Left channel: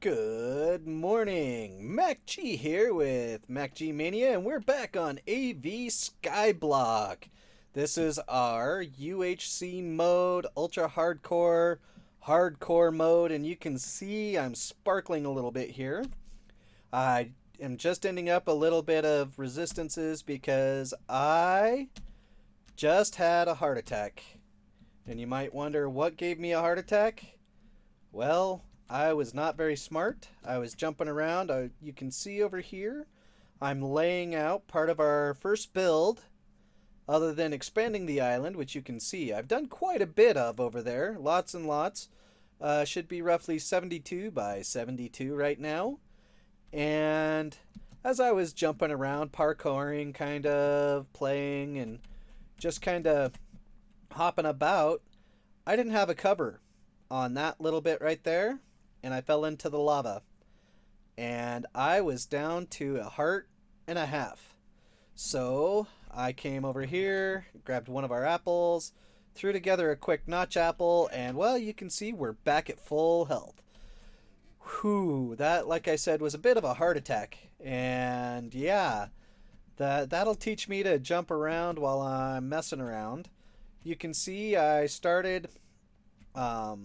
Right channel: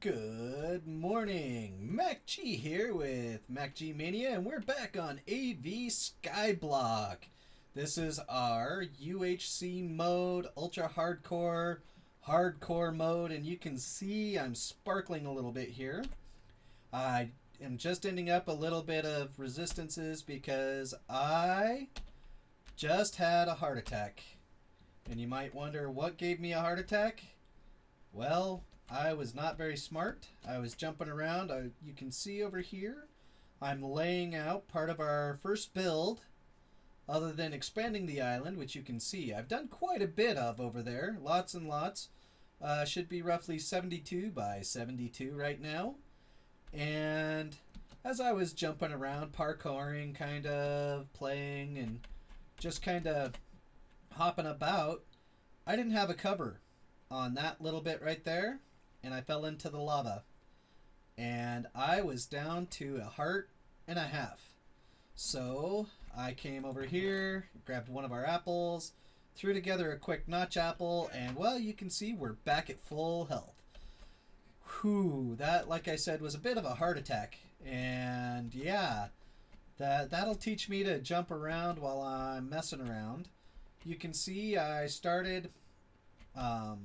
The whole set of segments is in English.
Good morning, Mac G here with Mac G Mania, and we're back on AVSkyblock. This is our UHC mode, ultra hardcore, hardcore mode, and you can see I'm sparkling a little bit here. I am just ending up a little bit of resistances because I just had a heart attack. And you might wonder what gave me a heart attack? Well, I was not very smart. I was jumping around. You can see over here, I'm laying out part of our first build, other than expanding the island, which you can see I've done quite a bit of over there. Lots and lots. Should be roughly 72 by 72 right now. And as I was jumping around, parkouring, kind of, playing, and just kind of hopping about, I didn't have a cover on that little bit right there, and I fell into the lava. And I was down to a heart and a half. So I came over here, grabbed one of our apples, threw together a quick notch apple, and well, you can see we're back at full health. Whew, that, like I said, was a bit of a heart attack. And yeah, that'll teach me to jump around while I'm messing around. You can see I've started a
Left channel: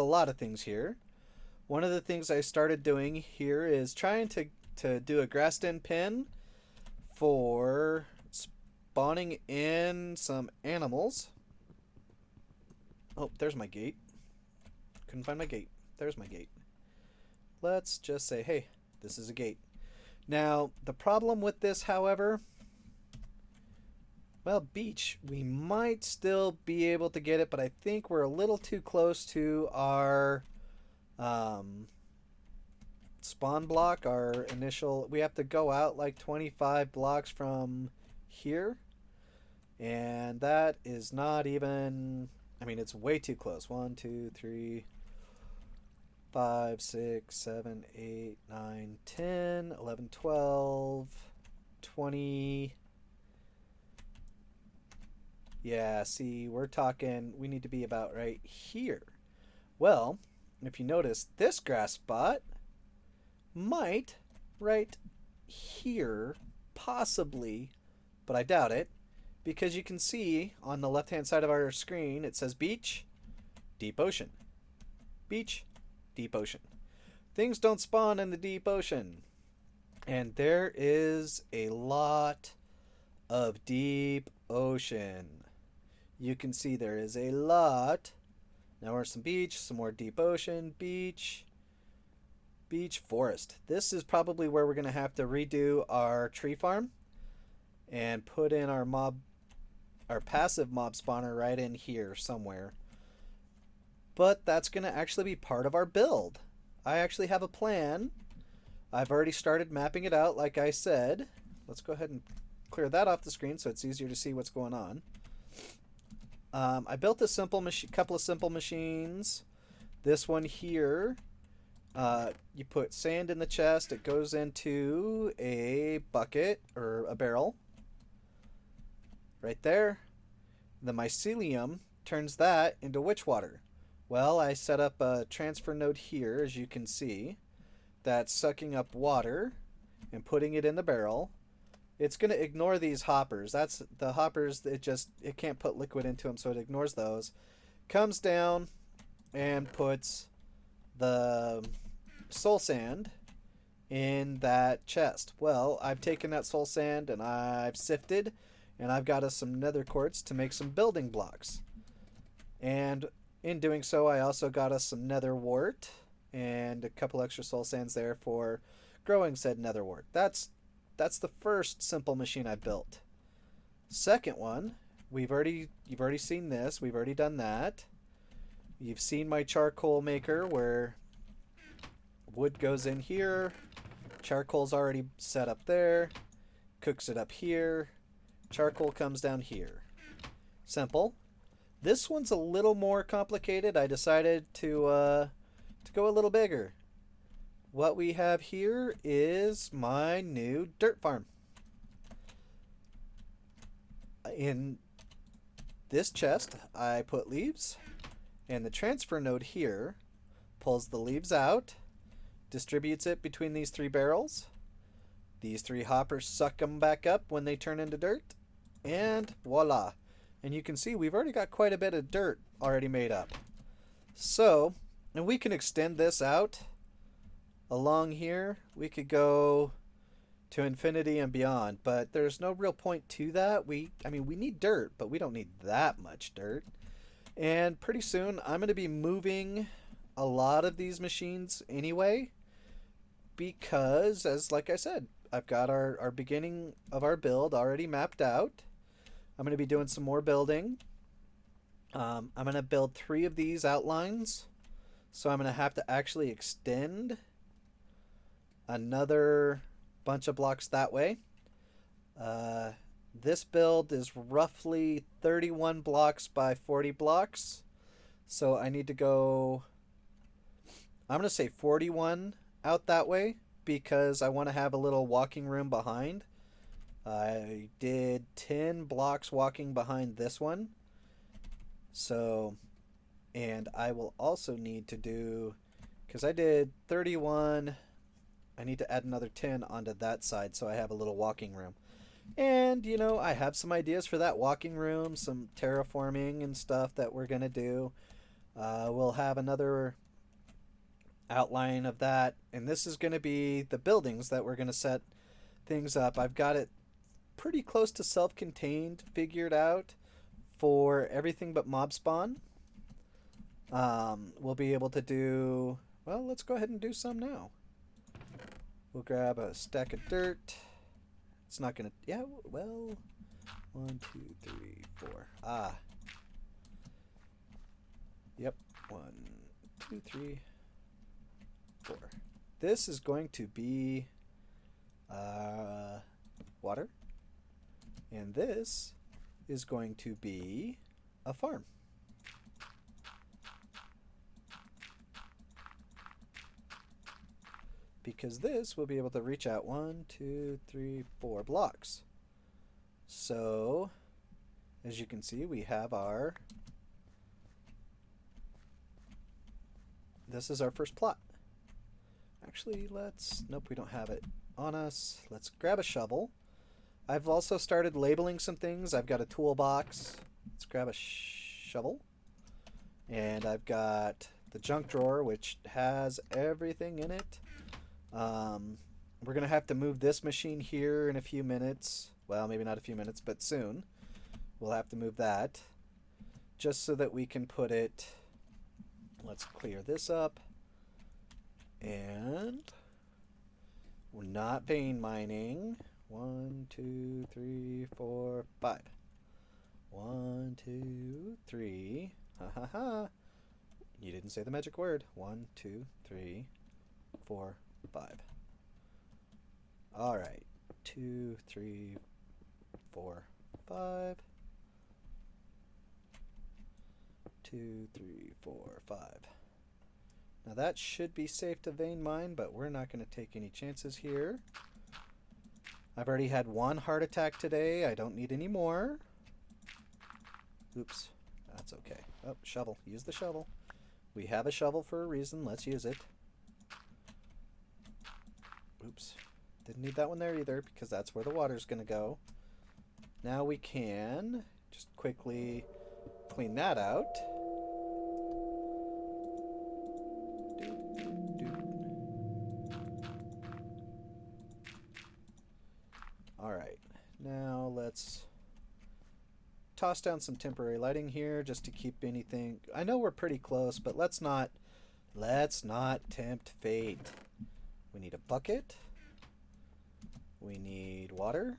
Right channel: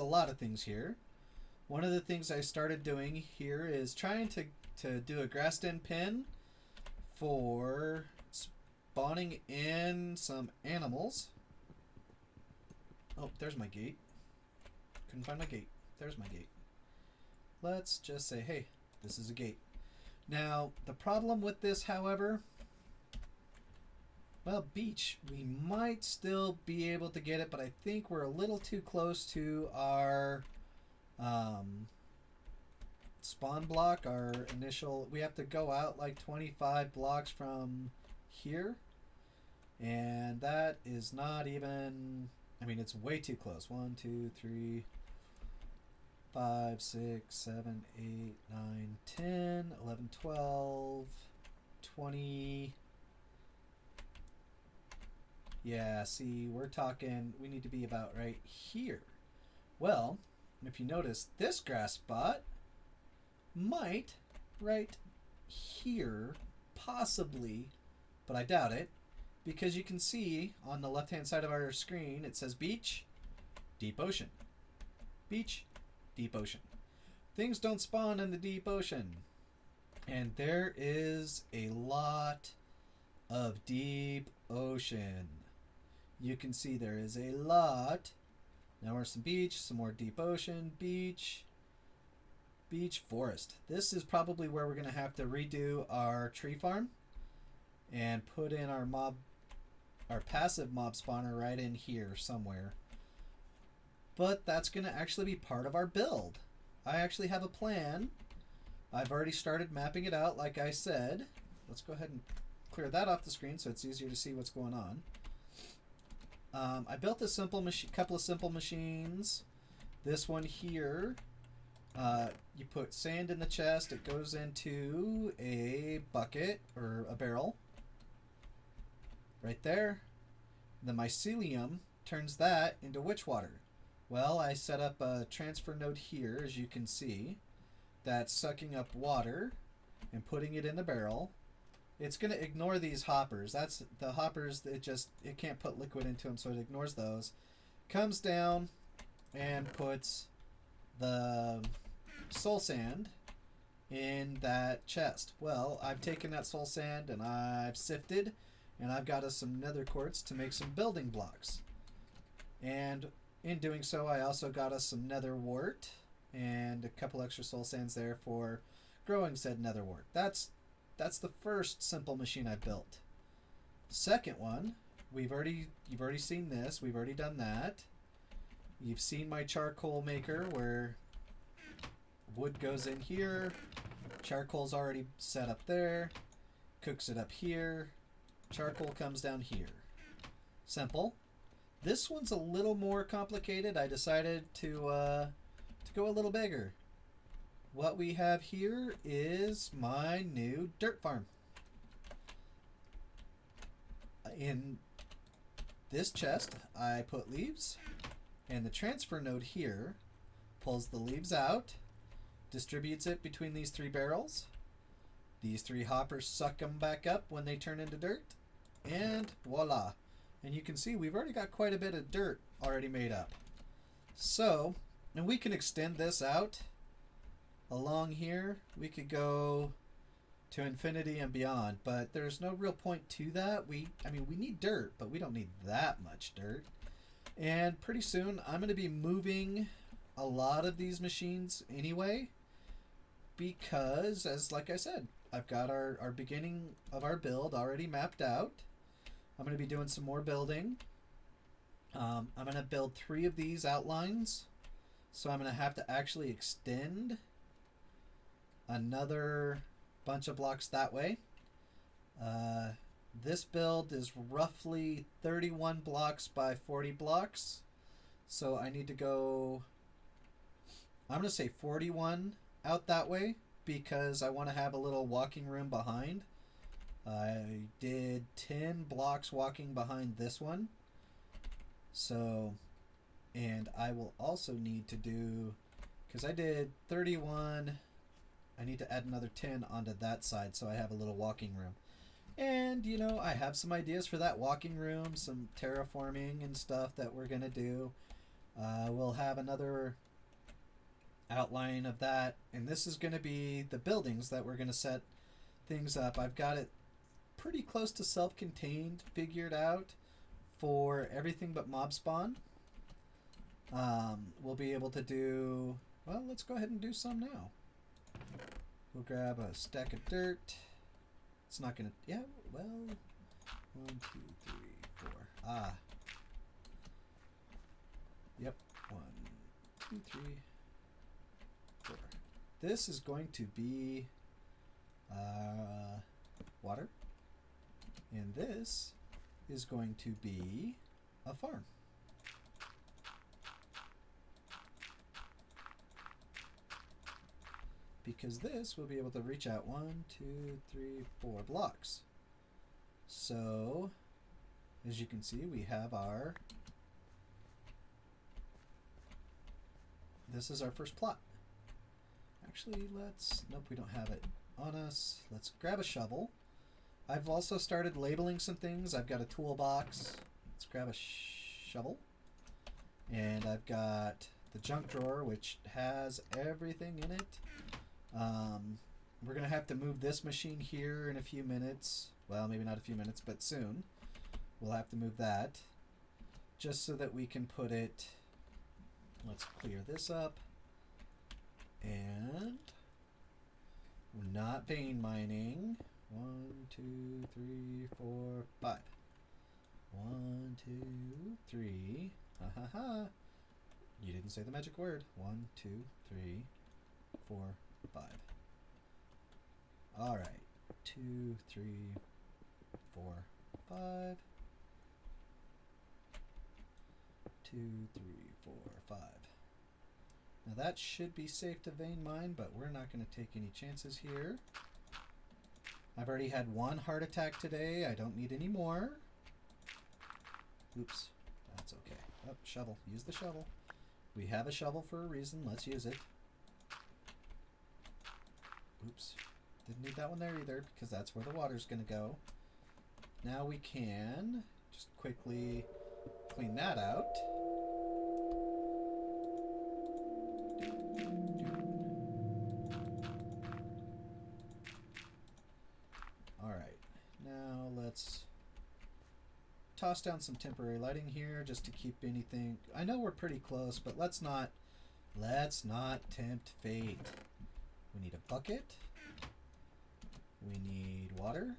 lot of things here. One of the things I started doing here is trying to do a grass den pin for spawning in some animals. Oh, there's my gate. Couldn't find my gate. There's my gate. Let's just say, hey, this is a gate. Now, the problem with this, however, well, beach, we might still be able to get it, but I think we're a little too close to our spawn block, our initial. We have to go out like 25 blocks from here, and that is not even, I mean, it's way too close. 1, 2, 3, 5, 6, 7, 8, 9, 10, 11, 12, 20. Yeah, see, we're talking, we need to be about right here. Well, if you notice, this grass spot might right here, possibly, but I doubt it, because you can see on the left-hand side of our screen, it says beach, deep ocean. Beach, deep ocean. Things don't spawn in the deep ocean. And there is a lot of deep ocean. You can see there is a lot. Now we're some beach, some more deep ocean, beach, forest. This is probably where we're going to have to redo our tree farm and put in our passive mob spawner right in here somewhere. But that's going to actually be part of our build. I actually have a plan. I've already started mapping it out, like I said. Let's go ahead and clear that off the screen so it's easier to see what's going on. I built a couple of simple machines. This one here, you put sand in the chest. It goes into a bucket or a barrel. Right there. The mycelium turns that into witch water. Well, I set up a transfer node here, as you can see, that's sucking up water and putting it in the barrel. It's going to ignore these hoppers. That's the hoppers, it can't put liquid into them, so it ignores those. Comes down and puts the soul sand in that chest. Well, I've taken that soul sand and I've sifted, and I've got us some nether quartz to make some building blocks. And in doing so, I also got us some nether wart and a couple extra soul sands there for growing said nether wart. That's the first simple machine I built. Second one, you've already seen this. We've already done that. You've seen my charcoal maker where wood goes in here. Charcoal's already set up there. Cooks it up here. Charcoal comes down here. Simple. This one's a little more complicated. I decided to go a little bigger. What we have here is my new dirt farm. In this chest, I put leaves, and the transfer node here pulls the leaves out, distributes it between these 3 barrels. These 3 hoppers suck them back up when they turn into dirt. And voila. And you can see we've already got quite a bit of dirt already made up. So, and we can extend this out along here. We could go to infinity and beyond, but there's no real point to that. I mean, we need dirt, but we don't need that much dirt. And pretty soon I'm going to be moving a lot of these machines anyway, because, like I said, I've got our beginning of our build already mapped out. I'm going to be doing some more building. I'm going to build 3 of these outlines, so I'm going to have to actually extend another bunch of blocks that way. This build is roughly 31 blocks by 40 blocks, so I need to go, I'm going to say 41 out that way, because I want to have a little walking room behind. I did 10 blocks walking behind this one. So, and I will also need to do, because I did 31, I need to add another 10 onto that side so I have a little walking room. And, you know, I have some ideas for that walking room, some terraforming and stuff that we're going to do. We'll have another outline of that, and this is going to be the buildings that we're going to set things up. I've got it pretty close to self-contained figured out for everything but mob spawn. We'll be able to do, well, let's go ahead and do some now. We'll grab a stack of dirt. It's not gonna, yeah, well, 1, 2, 3, 4. Yep, 1, 2, 3, 4. This is going to be water, and this is going to be a farm. Because this will be able to reach out 1, 2, 3, 4 blocks. So, as you can see, we have our, this is our first plot. Actually, nope, we don't have it on us. Let's grab a shovel. I've also started labeling some things. I've got a toolbox. Let's grab a shovel. And I've got the junk drawer, which has everything in it. We're going to have to move this machine here in a few minutes. Well, maybe not a few minutes, but soon. We'll have to move that just so that we can put it, let's clear this up. And we're not vein mining. 1, 2, 3, 4, 5. 1, 2, 3. Ha ha ha. You didn't say the magic word. 1, 2, 3, 4, 5. All right. 2, 3, 4, 5. 2, 3, 4, 5. Now that should be safe to vein mine, but we're not going to take any chances here. I've already had 1 heart attack today. I don't need any more. Oops. That's okay. Oh, shovel. Use the shovel. We have a shovel for a reason. Let's use it. Oops. Didn't need that one there either, because that's where the water's going to go. Now we can just quickly clean that out. Alright, now let's toss down some temporary lighting here just to keep anything. I know we're pretty close, but let's not tempt fate. We need a bucket. We need water.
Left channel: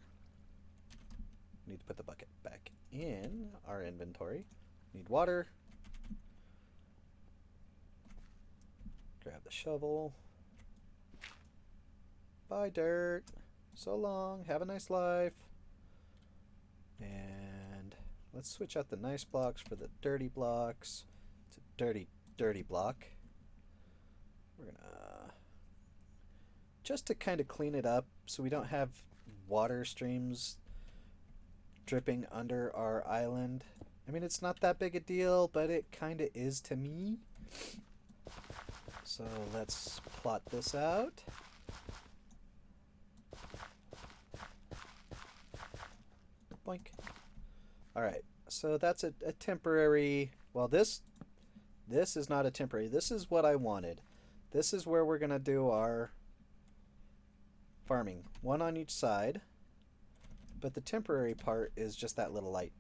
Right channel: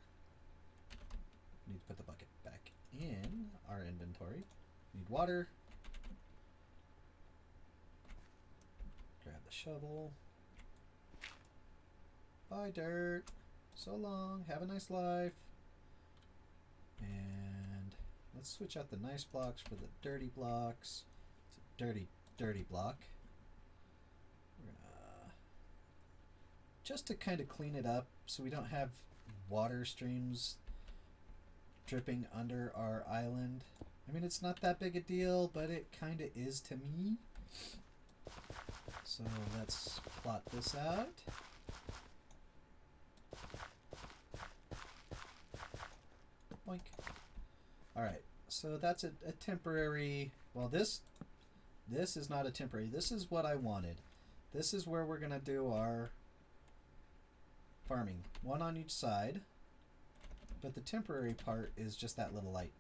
We need to put the bucket back in our inventory. We need water. Grab the shovel. Bye, dirt. So long. Have a nice life. And let's switch out the nice blocks for the dirty blocks. It's a dirty, dirty block. We're gonna, just to kind of clean it up so we don't have water streams dripping under our island. I mean, it's not that big a deal, but it kind of is to me. So let's plot this out. Boink. Alright, so that's a temporary... Well, this is not a temporary. This is what I wanted. This is where we're going to do our farming. One on each side. But the temporary part is just that little light.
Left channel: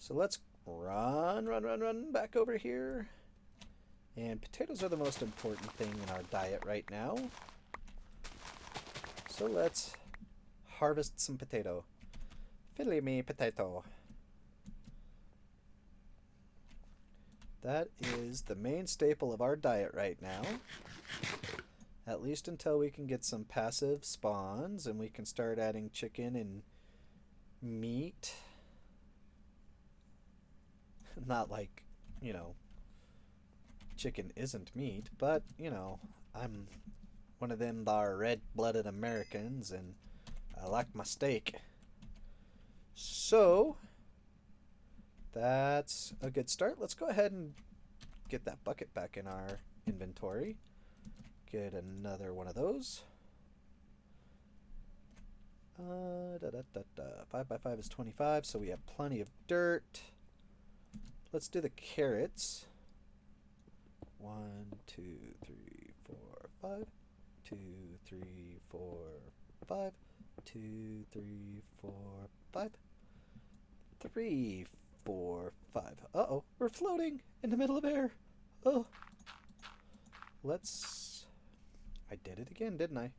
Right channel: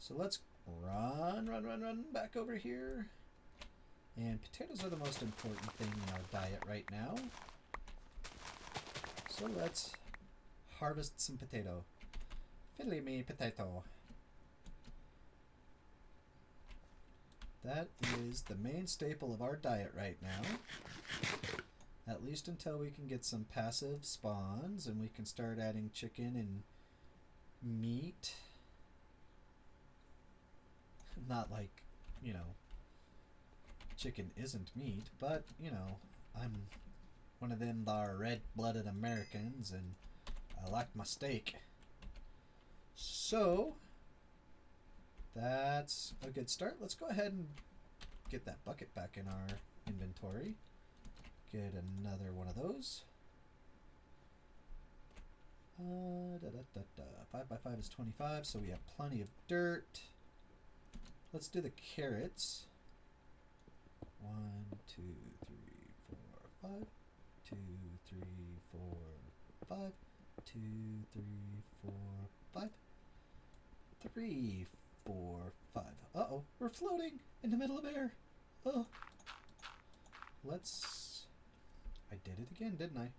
So let's run back over here. And potatoes are the most important thing in our diet right now. So let's harvest some potato. Fiddly me potato. That is the main staple of our diet right now. At least until we can get some passive spawns and we can start adding chicken and meat. Not like, you know, chicken isn't meat, but, you know, I'm one of them red-blooded Americans and I like my steak. So, that's a good start. Let's go ahead and get that bucket back in our inventory. Get another one of those. 5 by 5 is 25, so we have plenty of dirt. Let's do the carrots. 1, 2, 3, 4, 5. 2, 3, 4, 5. 2, 3, 4, 5. 3, 4, 5. Uh-oh, we're floating in the middle of air. Oh. Let's... I did it again, didn't I?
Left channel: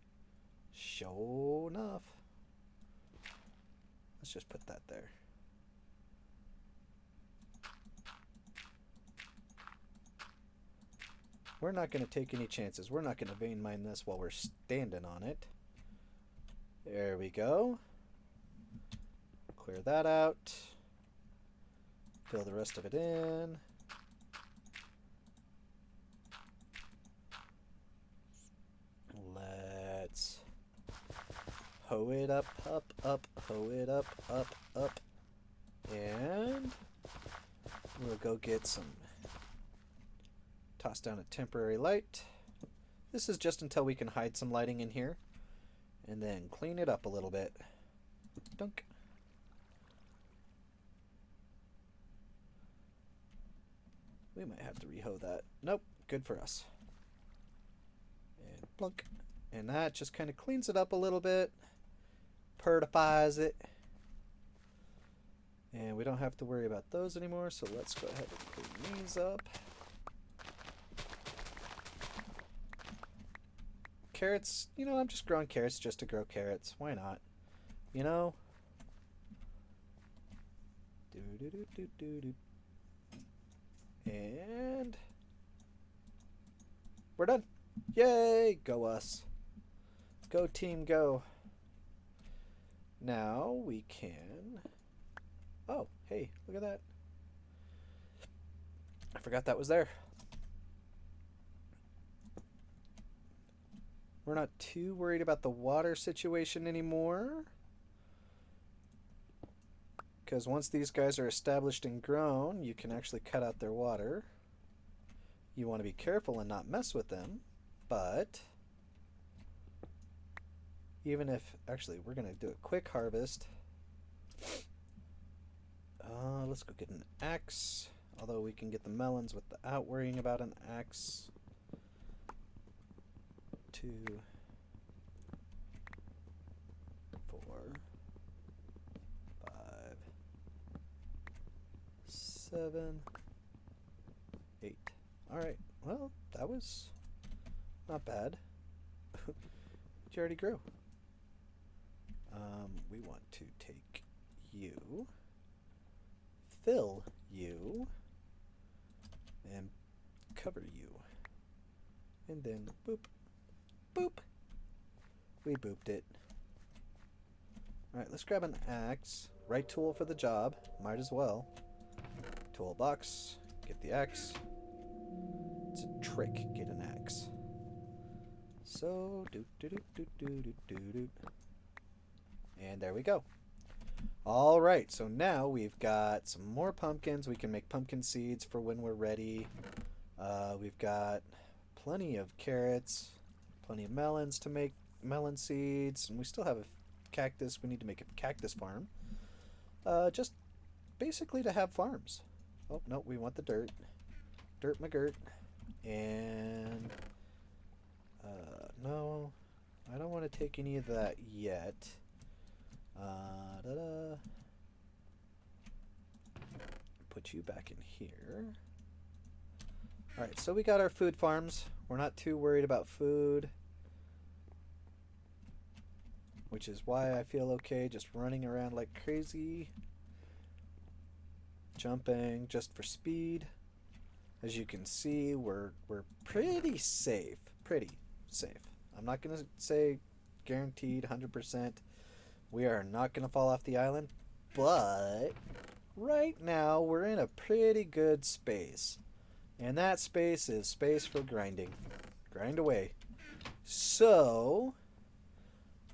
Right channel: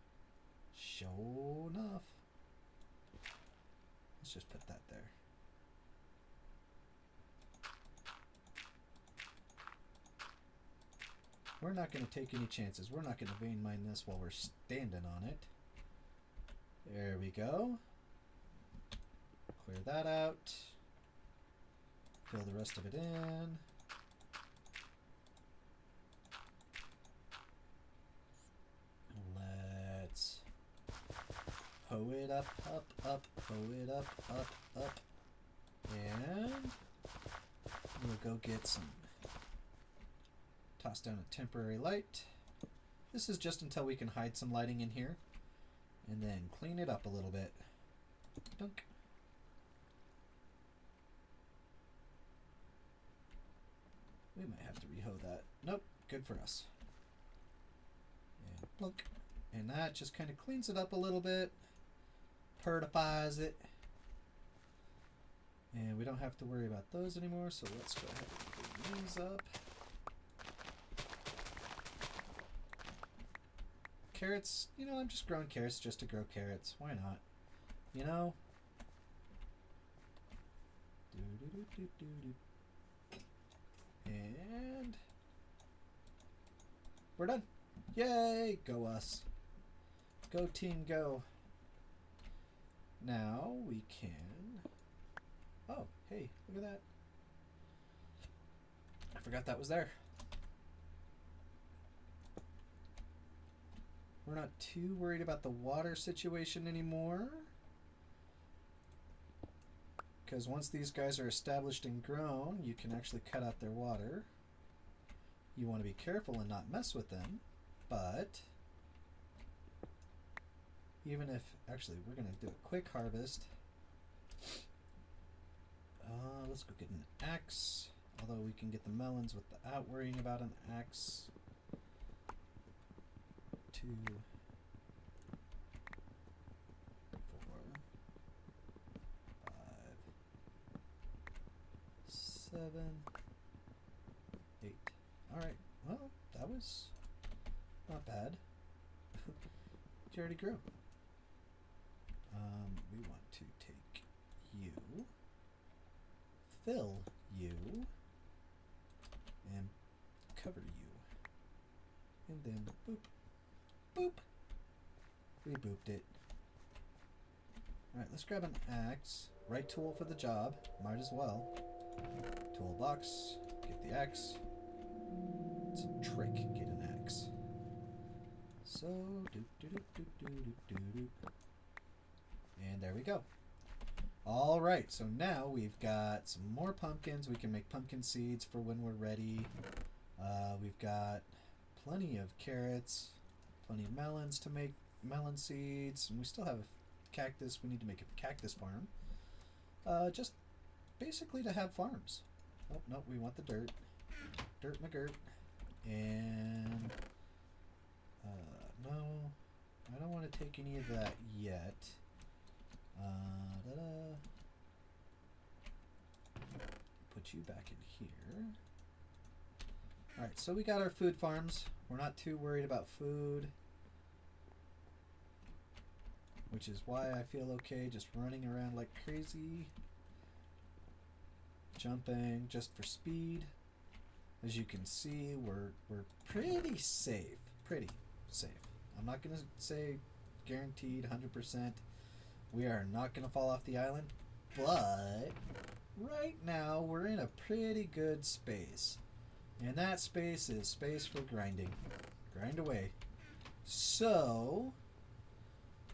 Sure enough. Let's just put that there. We're not going to take any chances. We're not going to vein mine this while we're standing on it. There we go. Clear that out. Fill the rest of it in. Let's hoe it up, hoe it up, up. And we'll go get some. Toss down a temporary light. This is just until we can hide some lighting in here. And then clean it up a little bit. Dunk. We might have to rehoe that. Nope, good for us. And plunk. And that just kind of cleans it up a little bit. Purifies it. And we don't have to worry about those anymore, so let's go ahead and clean these up. Carrots, you know, I'm just growing carrots just to grow carrots. Why not? You know? And we're done. Yay! Go us. Go team, go. Now we can... Oh, hey, look at that. I forgot that was there. We're not too worried about the water situation anymore. Because once these guys are established and grown, you can actually cut out their water. You want to be careful and not mess with them. But even if... Actually, we're going to do a quick harvest. Let's go get an axe. Although we can get the melons without worrying about an axe. 2, 4, 5, 7, 8. Alright, well, that was not bad. You already grew. We want to take you, fill you, and cover you. And then boop. Boop. We booped it. Alright, let's grab an axe. Right tool for the job. Might as well. Toolbox. Get the axe. It's a trick. Get an axe. So, doop doop doop doop doop doop doop. And there we go. Alright, so now we've got some more pumpkins. We can make pumpkin seeds for when we're ready. We've got plenty of carrots, plenty of melons to make melon seeds, and we still have a cactus. We need to make a cactus farm. Just basically to have farms. Oh, no, we want the dirt. Dirt McGirt. And, no, I don't want to take any of that yet. Put you back in here. Alright, so we got our food farms. We're not too worried about food, which is why I feel okay just running around like crazy. Jumping just for speed. As you can see, we're pretty safe. Pretty safe. I'm not going to say guaranteed 100%. We are not going to fall off the island, but right now we're in a pretty good space. And that space is space for grinding. Grind away. So,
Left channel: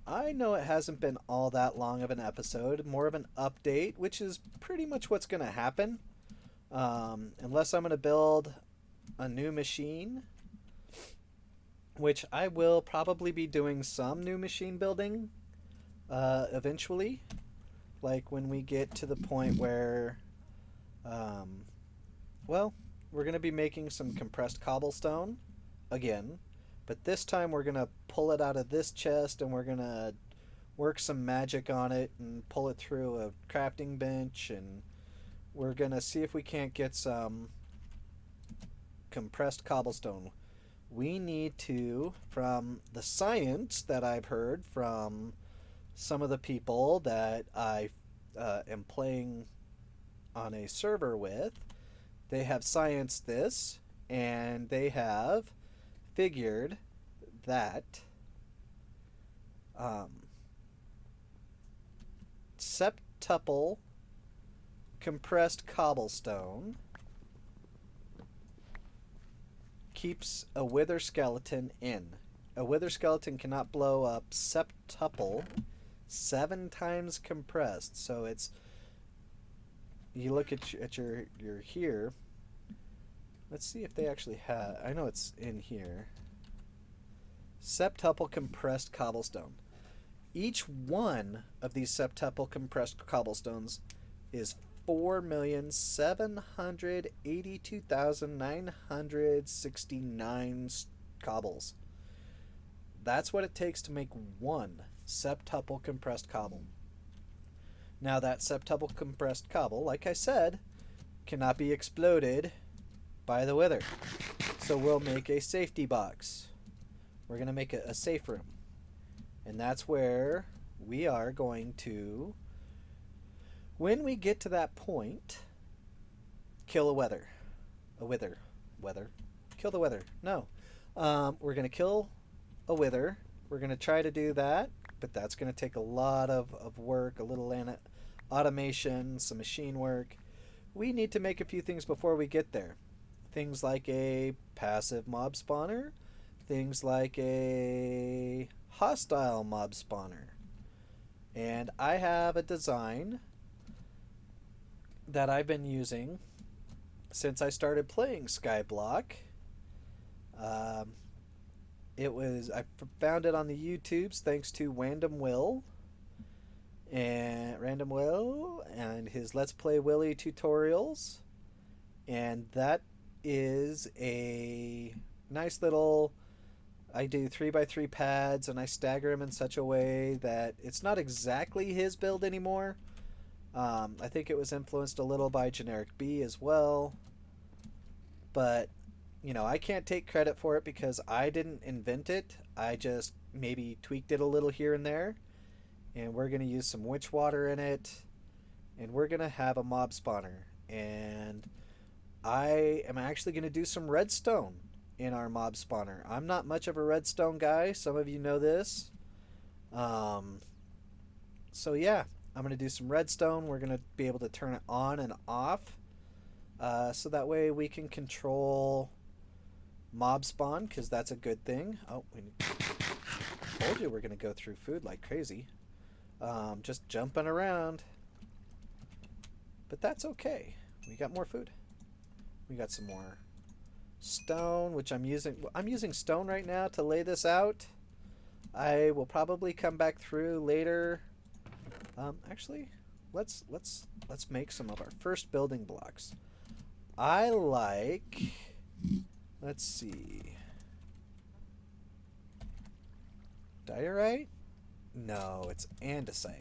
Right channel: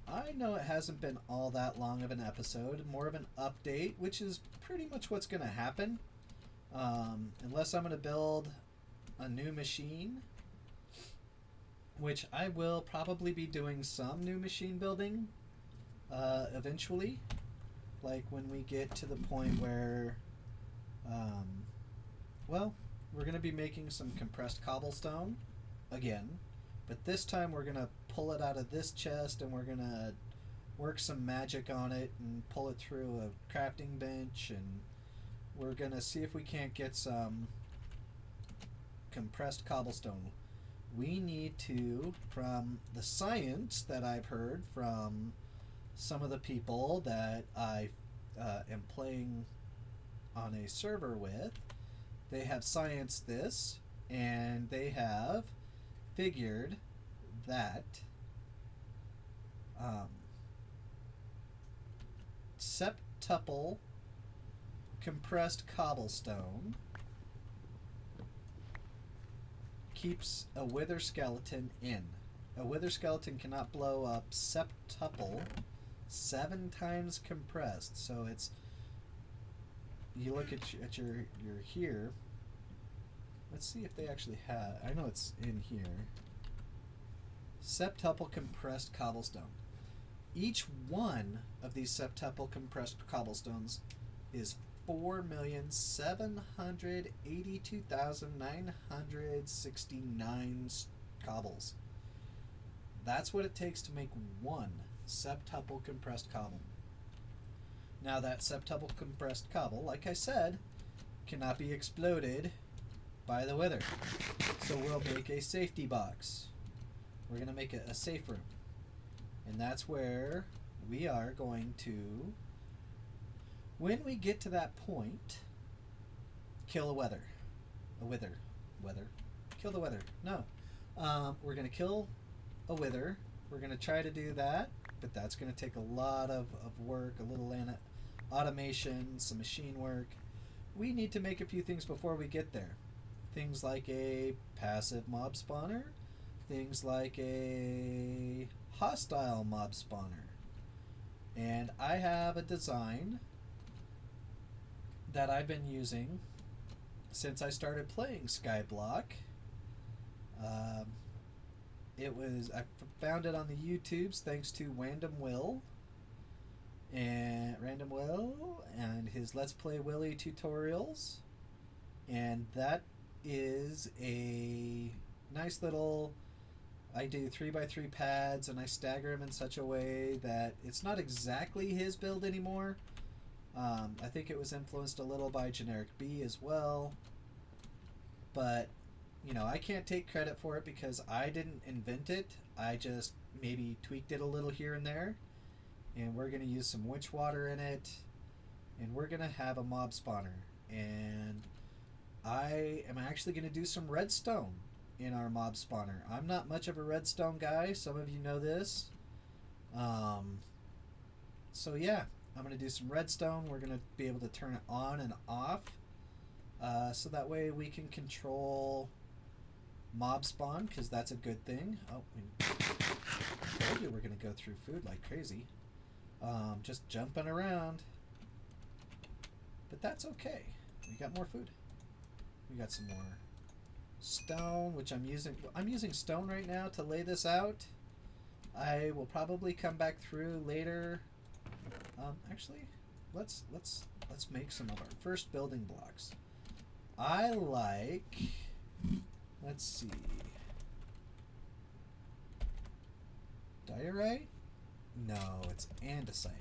I know it hasn't been all that long of an episode, more of an update, which is pretty much what's going to happen. Unless I'm going to build a new machine, which I will probably be doing some new machine building eventually. Like when we get to the point where, well, we're going to be making some compressed cobblestone again. But this time we're going to pull it out of this chest and we're going to work some magic on it and pull it through a crafting bench, and we're going to see if we can't get some compressed cobblestone. We need to, from the science that I've heard from some of the people that I am playing on a server with, they have scienced this, and they have figured that septuple compressed cobblestone keeps a wither skeleton in. A wither skeleton cannot blow up septuple 7 times compressed. So it's, you look at your here. Let's see if they actually have. I know it's in here. Septuple compressed cobblestone. Each one of these septuple compressed cobblestones is 4,782,969 cobbles. That's what it takes to make one septuple compressed cobble. Now that septuple compressed cobble, like I said, cannot be exploded by the wither. So we'll make a safety box. We're going to make a safe room. And that's where we are going to, when we get to that point, kill a wither. A wither. Wither. Kill the wither. No. We're going to kill a wither. We're going to try to do that, but that's going to take a lot of work, a little automation, some machine work. We need to make a few things before we get there. Things like a passive mob spawner. Things like a hostile mob spawner. And I have a design that I've been using since I started playing Skyblock. I found it on the YouTubes thanks to Random Will and his Let's Play Willy tutorials, and that is a nice little, I do 3x3 pads and I stagger them in such a way that it's not exactly his build anymore. I think it was influenced a little by Generic B as well, but you know, I can't take credit for it because I didn't invent it. I just maybe tweaked it a little here and there. And we're going to use some witch water in it. And we're going to have a mob spawner. And I am actually going to do some redstone in our mob spawner. I'm not much of a redstone guy. Some of you know this. So yeah, I'm going to do some redstone. We're going to be able to turn it on and off. So that way we can control mob spawn, because that's a good thing. Oh, I told you we're going to go through food like crazy. Just jumping around. But that's okay. We got more food. We got some more stone, which I'm using stone right now to lay this out. I will probably come back through later. Actually, let's make some of our first building blocks. I like, let's see, diorite? No, it's andesite.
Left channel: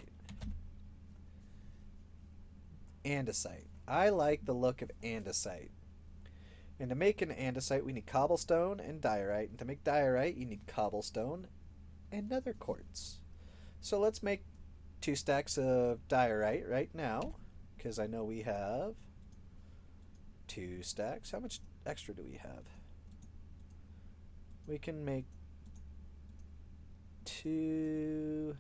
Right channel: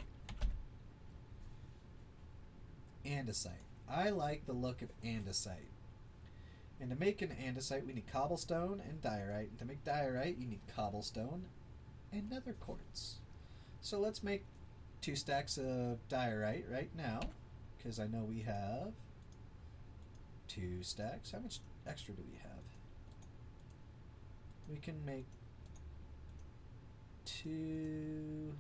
Andesite. I like the look of andesite. And to make an andesite, we need cobblestone and diorite. And to make diorite, you need cobblestone and nether quartz. So let's make 2 stacks of diorite right now, because I know we have 2 stacks. How much extra do we have? We can make 2.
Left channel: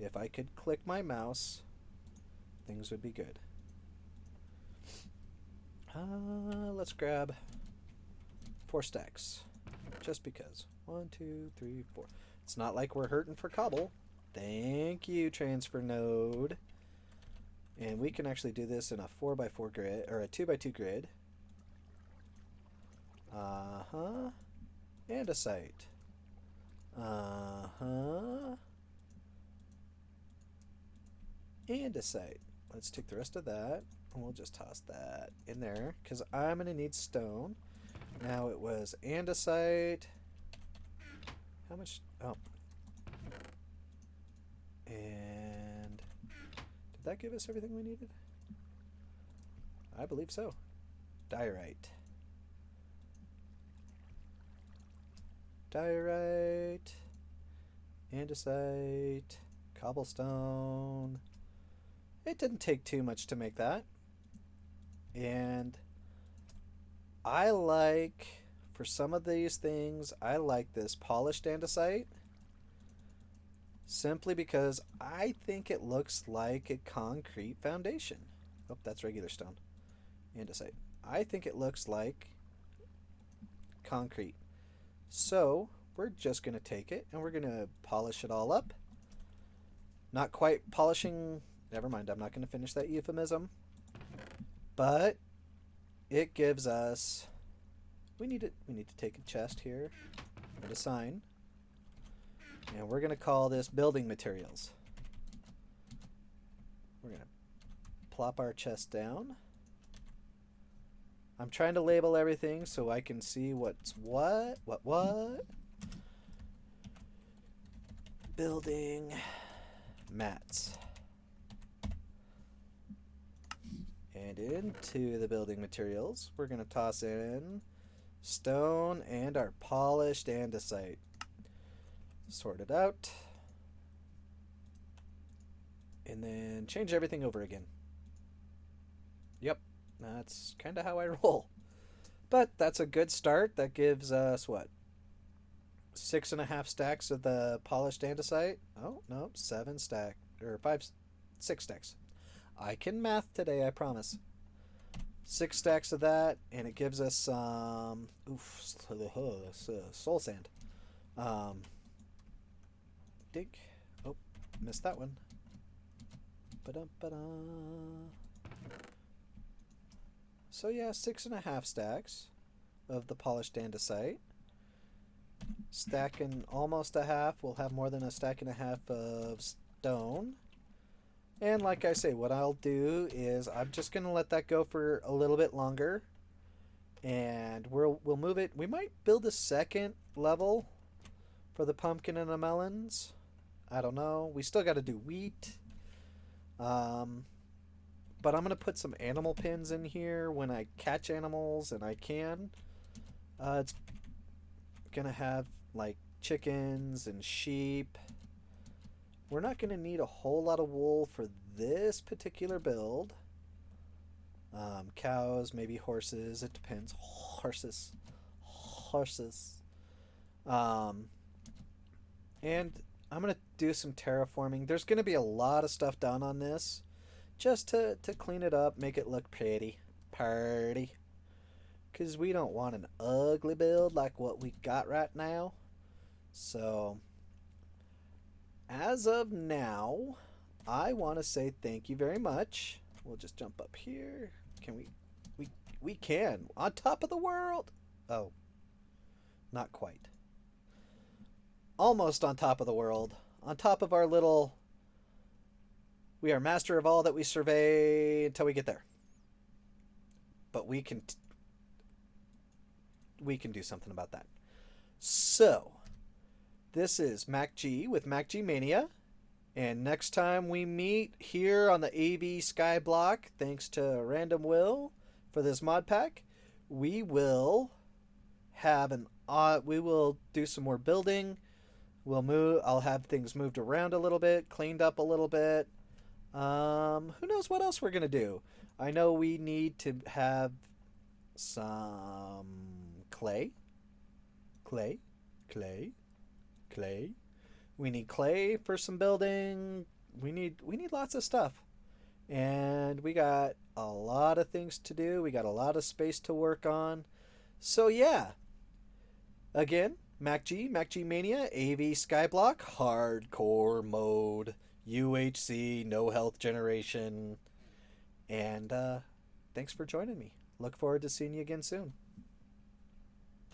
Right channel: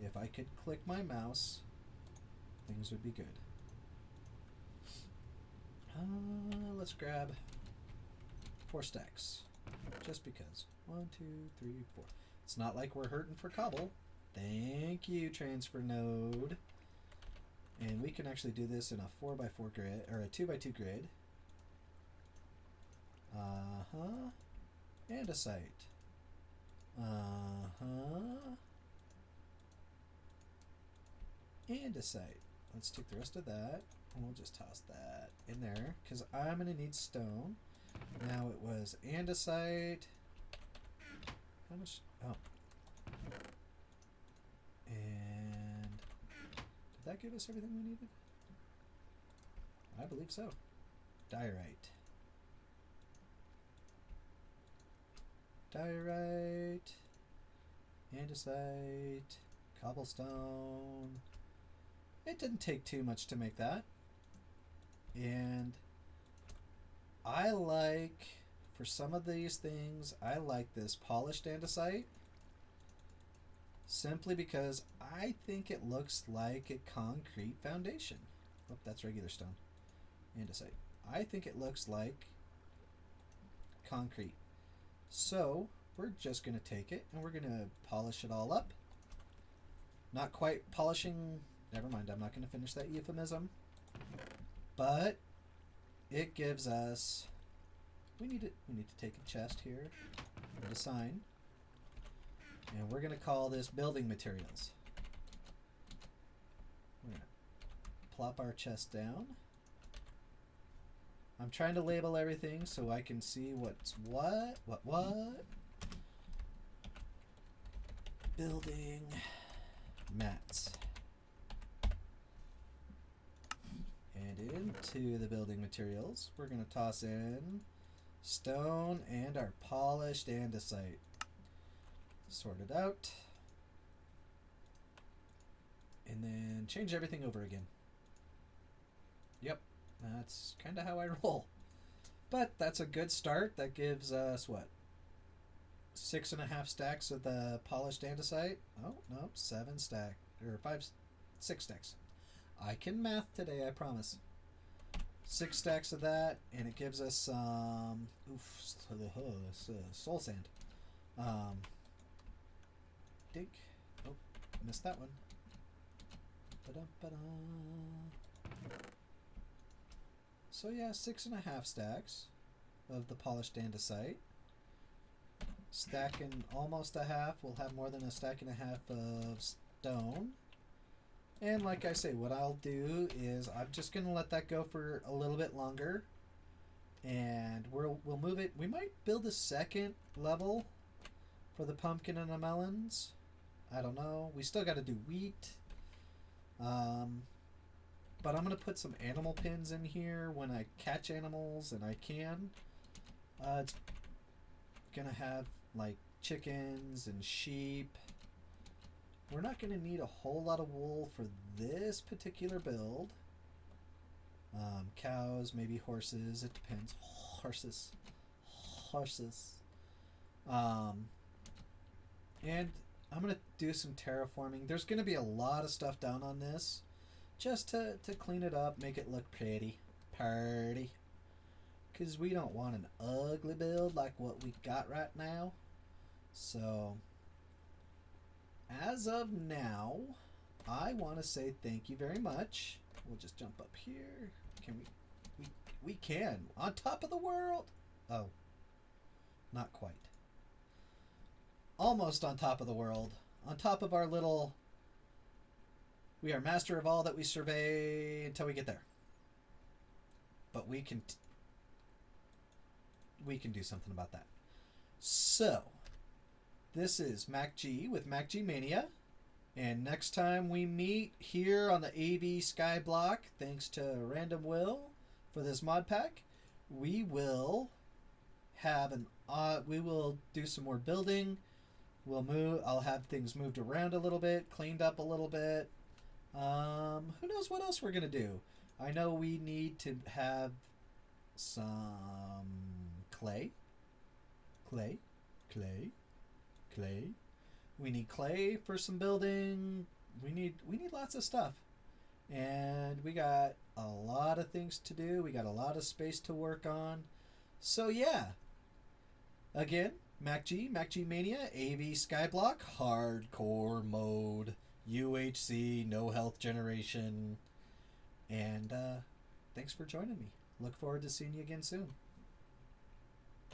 If I could click my mouse, things would be good. Let's grab 4 stacks, just because. 1, 2, 3, 4. It's not like we're hurting for cobble. Thank you, transfer node. And we can actually do this in a 4x4 grid, or a 2x2 grid. Andesite. Andesite. Let's take the rest of that, and we'll just toss that in there, because I'm going to need stone. Now it was andesite. How much? Oh. And did that give us everything we needed? I believe so. Diorite. Diorite. Andesite. Cobblestone. It didn't take too much to make that. And I like, for some of these things, I like this polished andesite. Simply because I think it looks like a concrete foundation. Oh, that's regular stone. Andesite. I think it looks like concrete. So, we're just going to take it and we're going to polish it all up. Not quite polishing. Never mind, I'm not going to finish that euphemism. But it gives us. We need to take a chest here, a sign, and we're going to call this building materials. We're going to plop our chest down. I'm trying to label everything so I can see what's what. Building mats. And into the building materials, we're going to toss in stone and our polished andesite. Sort it out. And then change everything over again. Yep, that's kind of how I roll. But that's a good start. That gives us, what? 6.5 stacks of the polished andesite. Oh, no, 7 stack, or 6 stacks. I can math today, I promise. 6 stacks of that, and it gives us some soul sand. Dig. Oh, missed that one. So yeah, 6.5 stacks of the polished andesite. Stacking almost a half. We'll have more than a stack and a half of stone. And like I say, what I'll do is I'm just going to let that go for a little bit longer. And we'll move it. We might build a second level for the pumpkin and the melons. I don't know. We still got to do wheat. But I'm going to put some animal pins in here when I catch animals, and I can. It's going to have like chickens and sheep. We're not going to need a whole lot of wool for this particular build. Cows, maybe horses. It depends. Horses. And I'm going to do some terraforming. There's going to be a lot of stuff done on this, just to clean it up, make it look pretty. Party. Because we don't want an ugly build like what we got right now. So, as of now, I want to say thank you very much. We'll just jump up here. Can we We can. On top of the world. Oh, not quite. Almost on top of the world. On top of our little... We are master of all that we survey until we get there. But we can do something about that. So, this is MacG with MacG Mania. And next time we meet here on the AVSkyblock, thanks to Random Will for this mod pack, we will have we will do some more building. We'll move. I'll have things moved around a little bit, cleaned up a little bit. Who knows what else we're gonna do? I know we need to have some clay. We need clay for some building. We need lots of stuff. And we got a lot of things to do. We got a lot of space to work on. So yeah. Again, MacG Mania, AVSkyblock, hardcore mode, UHC, no health generation. And thanks for joining me. Look forward to seeing you again soon.